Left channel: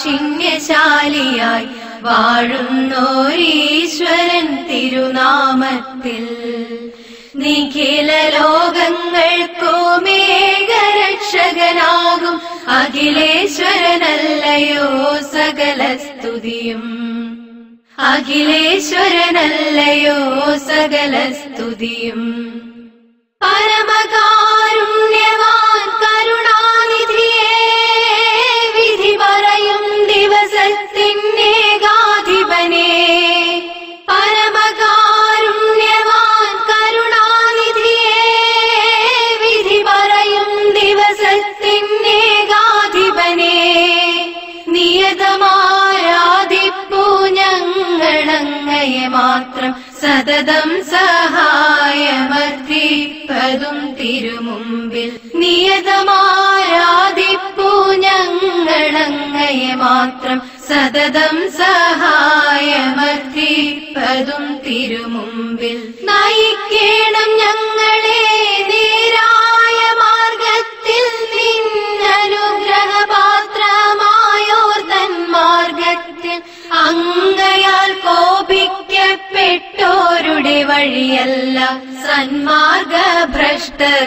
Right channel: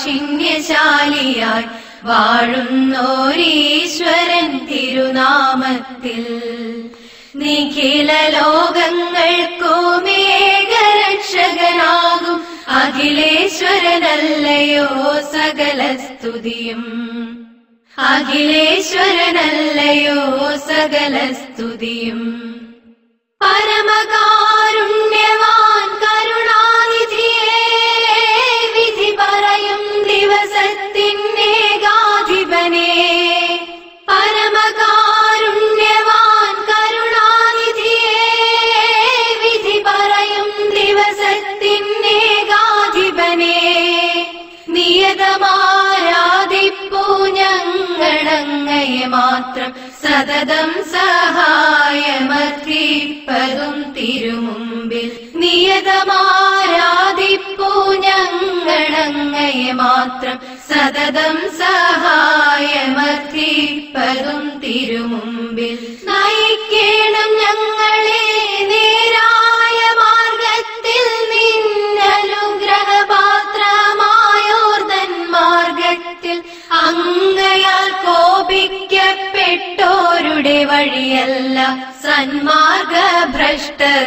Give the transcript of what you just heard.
കാഠിന്യശാലിയായി വാഴുന്നോരീശ്വരൻ തിരുനാമത്തിൽ നിഖില ലോകങ്ങൾക്കുമേകരക്ഷകനാകും അഖിലേശ്വരനല്ലയോ സകല സ്തുതിയും. അഖിലേശ്വരനല്ലയോ സകല സ്തുതിയും. പരമകാരുണ്യവാൻ കരുണാനിധിയേ, വിധി പറയും ദിവസത്തിന്നേകാധിപനേ. പരമകാരുണ്യവാൻ കരുണാനിധിയേ, വിധി പറയും ദിവസത്തിന്നേകാധിപനേ. നിയതമാരാധിപ്പൂ ഞങ്ങളങ്ങയെ മാത്രം, സതതം സഹായമർപ്പിപ്പതും തിരുമുമ്പിൽ. നിയതമാരാധിപ്പൂ ഞങ്ങളങ്ങയെ മാത്രം, സതതം സഹായമർപ്പിപ്പതും തിരുമുമ്പിൽ. നയിക്കേണം ഞങ്ങളെ നേരായ മാർഗത്തിൽ, നിന്നനുഗ്രഹപാത്രമായോർതൻ മാർഗത്തിൽ. അങ്ങയാൽ കോപിക്കപ്പെട്ടോരുടെ വഴിയല്ല സന്മാർഗഭ്രഷ്ടർ